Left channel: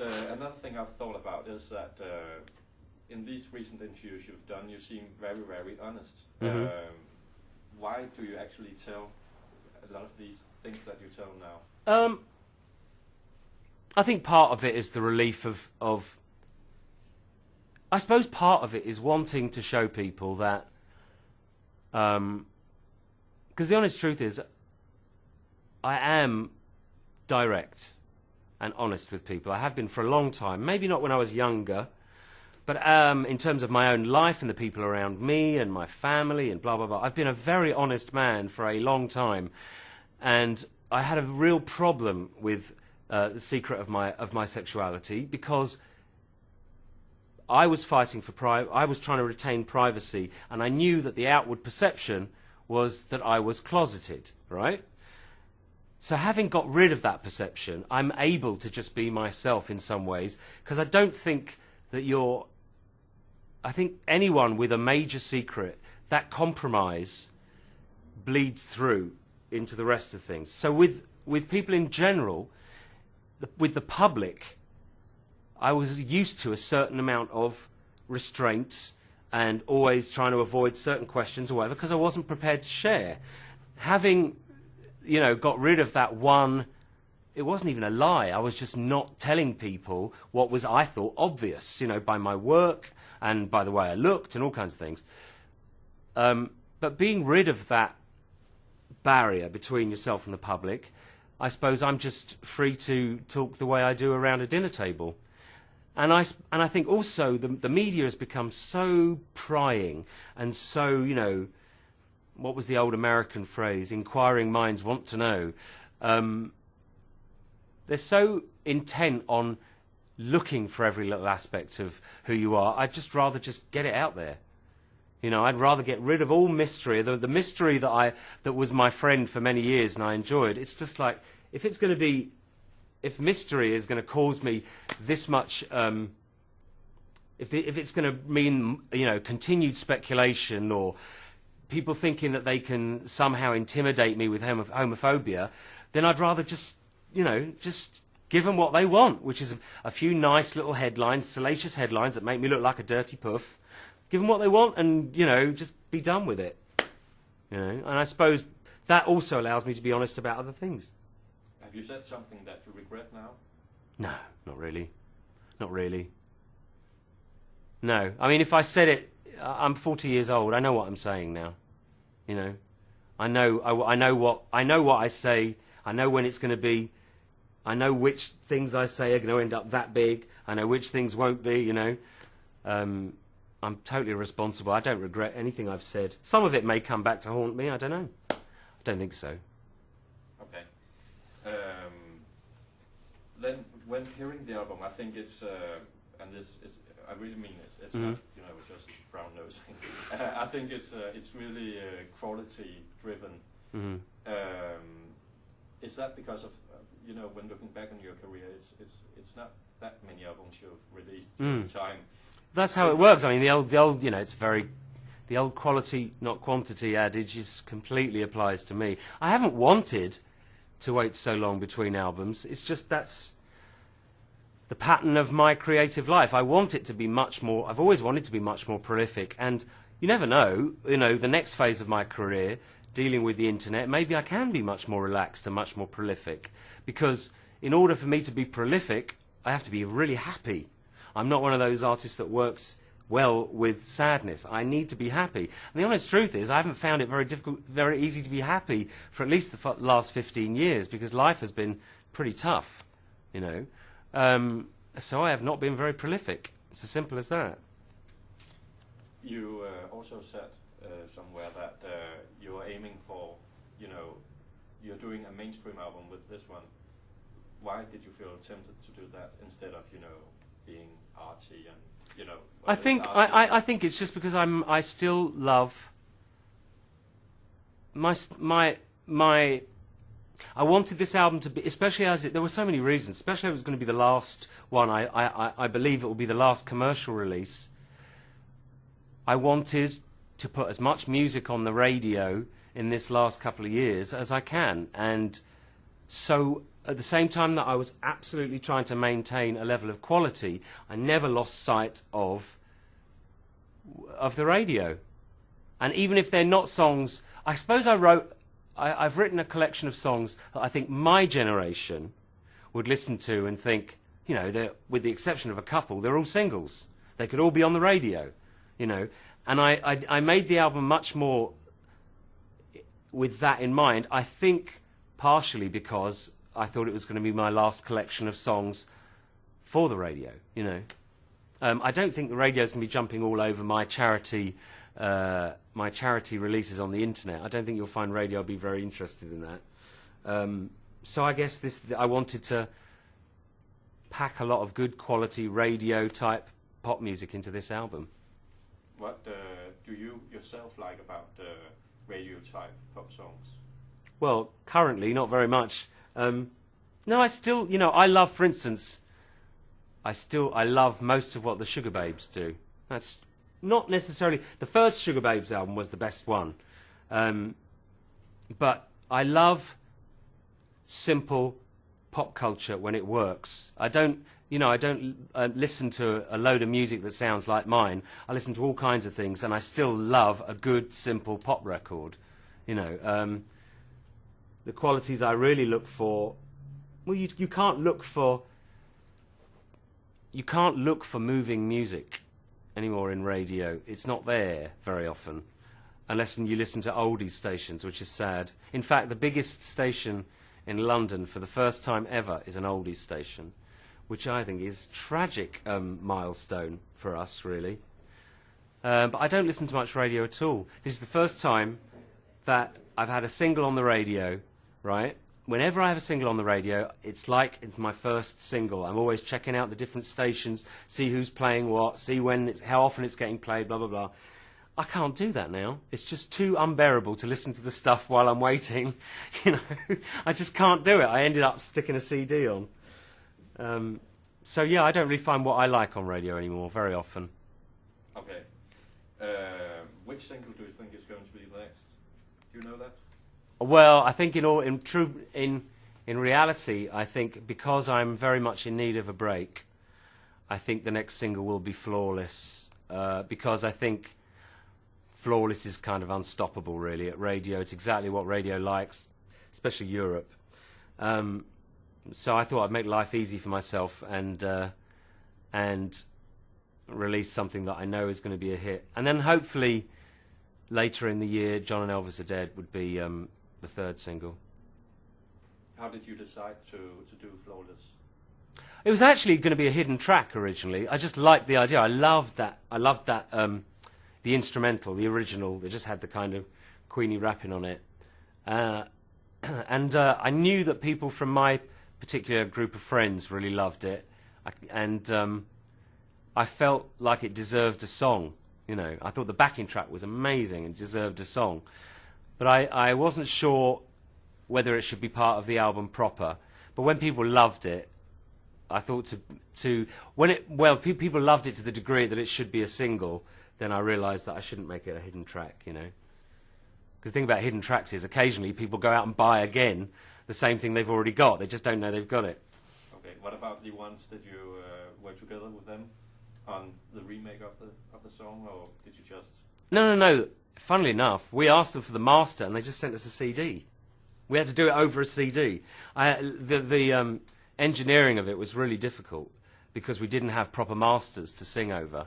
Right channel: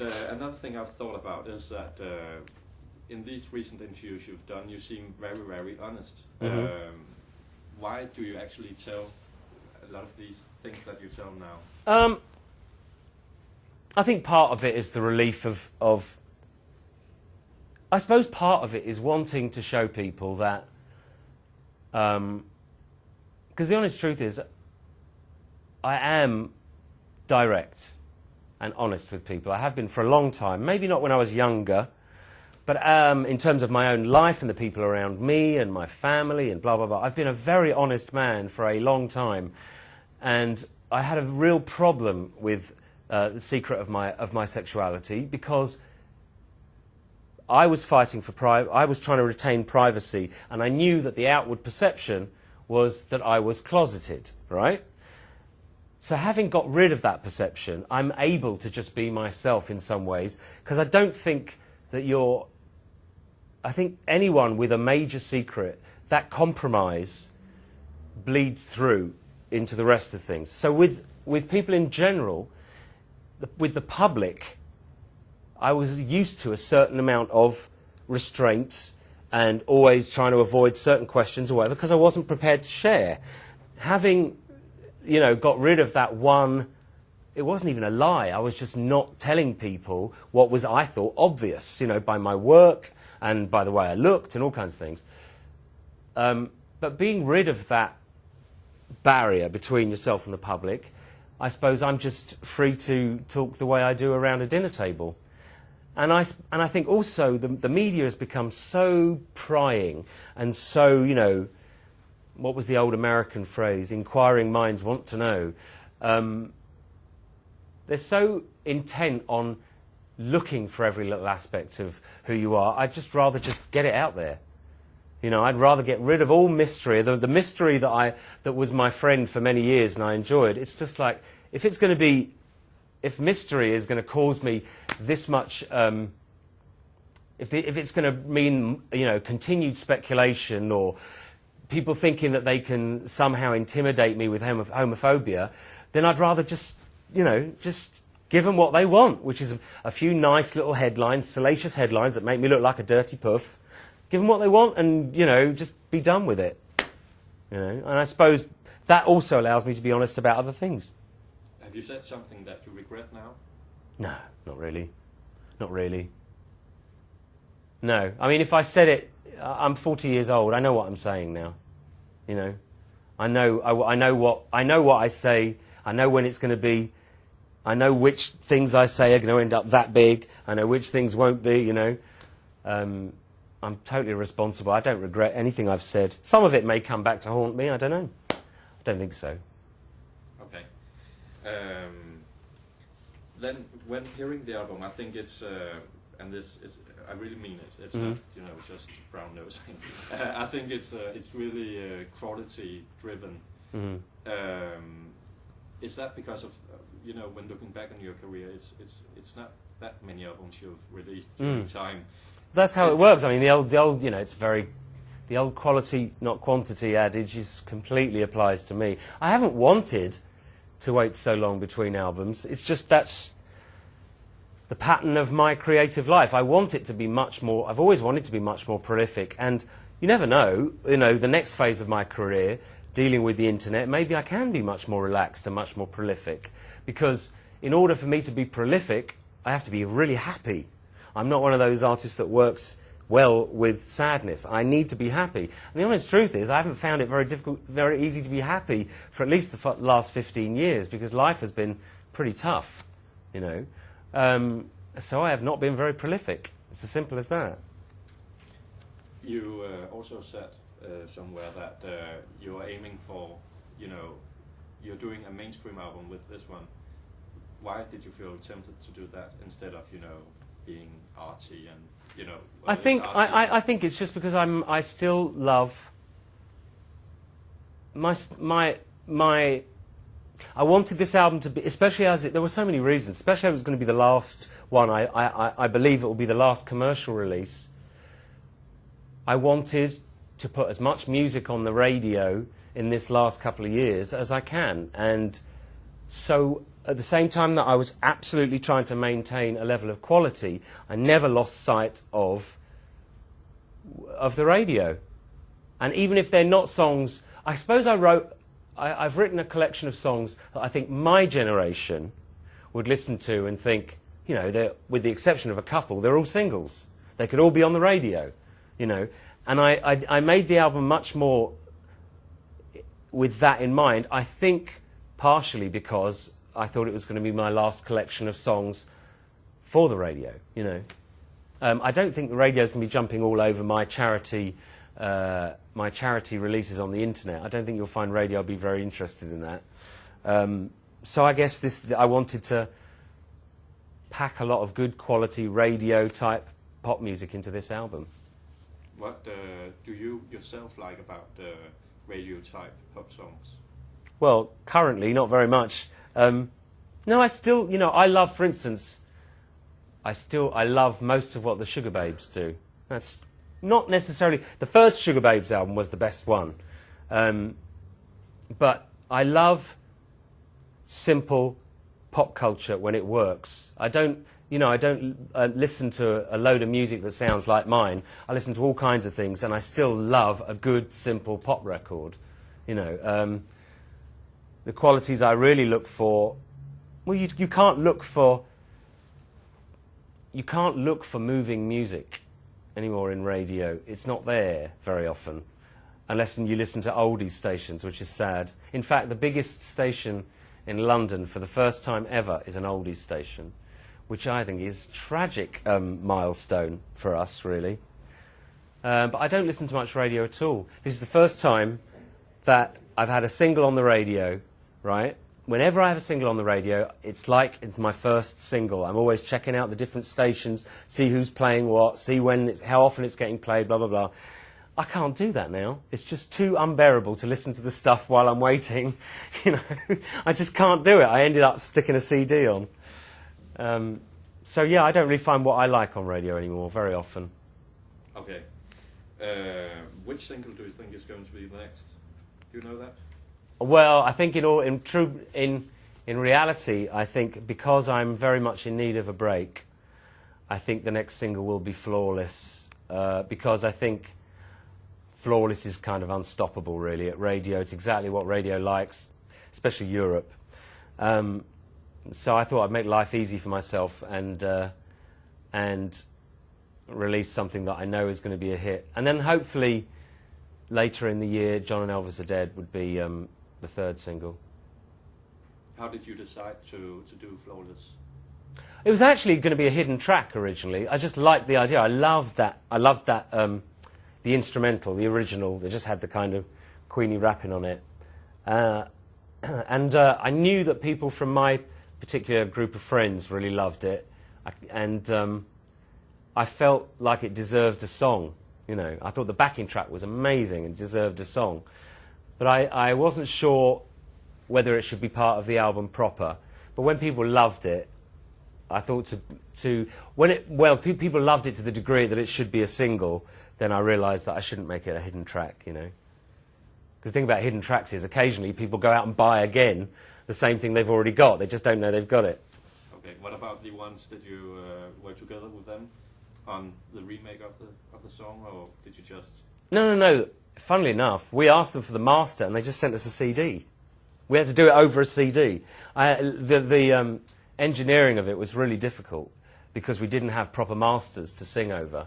Another thing I've thought about is that in these recent interviews you've done, you seem very, very honest. Why do you actually tell a lot of these things that you tell now? I think part of it is the relief of I suppose part of it is wanting to show people that, because the honest truth is, I am direct and honest with people. I have been for a long time. Maybe not when I was younger, but in terms of my own life and the people around me and my family and blah, blah, blah. I've been a very honest man for a long time. And I had a real problem with the secret of my sexuality because I was fighting for I was trying to retain privacy, and I knew that the outward perception was that I was closeted, right? So having got rid of that perception, I'm able to just be myself in some ways, because I don't think that I think anyone with a major secret, that compromise bleeds through into the rest of things. So with people in general, with the public, I was used to a certain amount of restraint and always trying to avoid certain questions or whatever, because I wasn't prepared to share. Having got rid of that one, it wasn't even a lie. I was just not telling people what was, I thought, obvious, by my work and by the way I looked and all kinds of things. But being rid of that barrier between yourself and the public, I suppose I'm just free to talk the way I do around a dinner table. And I think also the media has become so prying and so, what was the old American phrase? Inquiring minds want to know. They're so intent on looking for every little aspect of who you are. I'd just rather just get it out there. I'd rather get rid of all mystery. The mystery that was my friend for many years and I enjoyed. It's just like, if mystery is going to cause me this much, if it's going to mean, continued speculation or people thinking that they can somehow intimidate me with homophobia, then I'd rather just give them what they want, which is a few nice little headlines, salacious headlines that make me look like a dirty puff. Give them what they want and, just be done with it. And I suppose that also allows me to be honest about other things. Have you said something that you regret now? No, not really. Not really. No. I mean, if I said it, I'm 40 years old. I know what I'm saying now. I know what I say. I know when it's going to be. I know which things I say are going to end up that big. I know which things won't be, I'm totally responsible. I don't regret anything I've said. Some of it may come back to haunt me. I don't know. I don't think so. Okay. Then, when hearing the album, I think it's, and this is, I really mean it. It's not, just brown nose. I think it's really quality driven. Is that because of, when looking back on your career, it's not that many albums you've released during time. That's how it works. I mean, the old, the old quality, not quantity adage completely applies to me. I haven't wanted to wait so long between albums. It's just that's the pattern of my creative life. I want it to be much more, I've always wanted to be much more prolific. And you never know, the next phase of my career, dealing with the internet, maybe I can be much more relaxed and much more prolific. Because in order for me to be prolific, I have to be really happy. I'm not one of those artists that works well with sadness. I need to be happy. And the honest truth is, I haven't found it very easy to be happy for at least the last 15 years, because life has been pretty tough, So I have not been very prolific. It's as simple as that. You also said somewhere that you are aiming for, you're doing a mainstream album with this one. Why did you feel tempted to do that instead of, being artsy and, I think it's just because I still love my I wanted this album to be, especially as there were so many reasons, especially as it was going to be the last one. I believe it will be the last commercial release. I wanted to put as much music on the radio in this last couple of years as I can, and so at the same time that I was absolutely trying to maintain a level of quality, I never lost sight of the radio. And even if they're not songs, I suppose I've written a collection of songs that I think my generation would listen to and think, you know, with the exception of a couple, they're all singles. They could all be on the radio, you know. And I made the album much more with that in mind. I think partially because I thought it was going to be my last collection of songs for the radio, you know. I don't think the radio's going to be jumping all over my charity releases on the internet. I don't think you'll find radio be very interested in that. So I guess I wanted to pack a lot of good quality radio type pop music into this album. What do you yourself like about radio type pop songs? Well, currently not very much. No, I still, you know, I love, for instance, I love most of what the Sugar Babes do. That's not necessarily... The first Sugar Babes album was the best one. But I love simple pop culture when it works. I don't listen to a load of music that sounds like mine. I listen to all kinds of things, and I still love a good, simple pop record. You know, the qualities I really look for... Well, you can't look for moving music anymore in radio. It's not there very often, unless you listen to oldies stations, which is sad. In fact, the biggest station in London for the first time ever is an oldies station, which I think is a tragic milestone for us, really. But I don't listen to much radio at all. This is the first time that I've had a single on the radio, right? Whenever I have a single on the radio, it's like it's my first single. I'm always checking out the different stations, see who's playing what, see how often it's getting played, blah, blah, blah. I can't do that now. It's just too unbearable to listen to the stuff while I'm waiting. You know, I just can't do it. I ended up sticking a CD on. So, yeah, I don't really find what I like on radio anymore very often. Okay. Which single do you think is going to be next? Do you know that? Well, I think in reality, I think because I'm very much in need of a break, I think the next single will be Flawless, because I think Flawless is kind of unstoppable, really, at radio. It's exactly what radio likes, especially Europe. So I thought I'd make life easy for myself and release something that I know is going to be a hit. And then hopefully later in the year, John and Elvis Are Dead would be the third single. How did you decide to do Flawless? It was actually going to be a hidden track originally. I just liked the idea. I loved that. The instrumental, the original, that just had the kind of Queenie rapping on it. And I knew that people from my particular group of friends really loved it. I felt like it deserved a song. You know, I thought the backing track was amazing and deserved a song. But I wasn't sure whether it should be part of the album proper. But when people loved it, I thought people loved it to the degree that it should be a single, then I realised that I shouldn't make it a hidden track, you know. Because the thing about hidden tracks is occasionally people go out and buy again the same thing they've already got. They just don't know they've got it. Okay, what about the ones that you work together with them on the remake of the song, or did you just... No. Funnily enough, we asked them for the master and they just sent us a CD. We had to do it over a CD. The engineering of it was really difficult because we didn't have proper masters to sing over.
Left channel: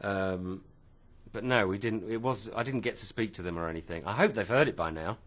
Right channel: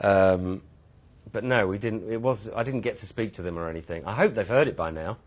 But no, we didn't. I didn't get to speak to them or anything. I hope they've heard it by now.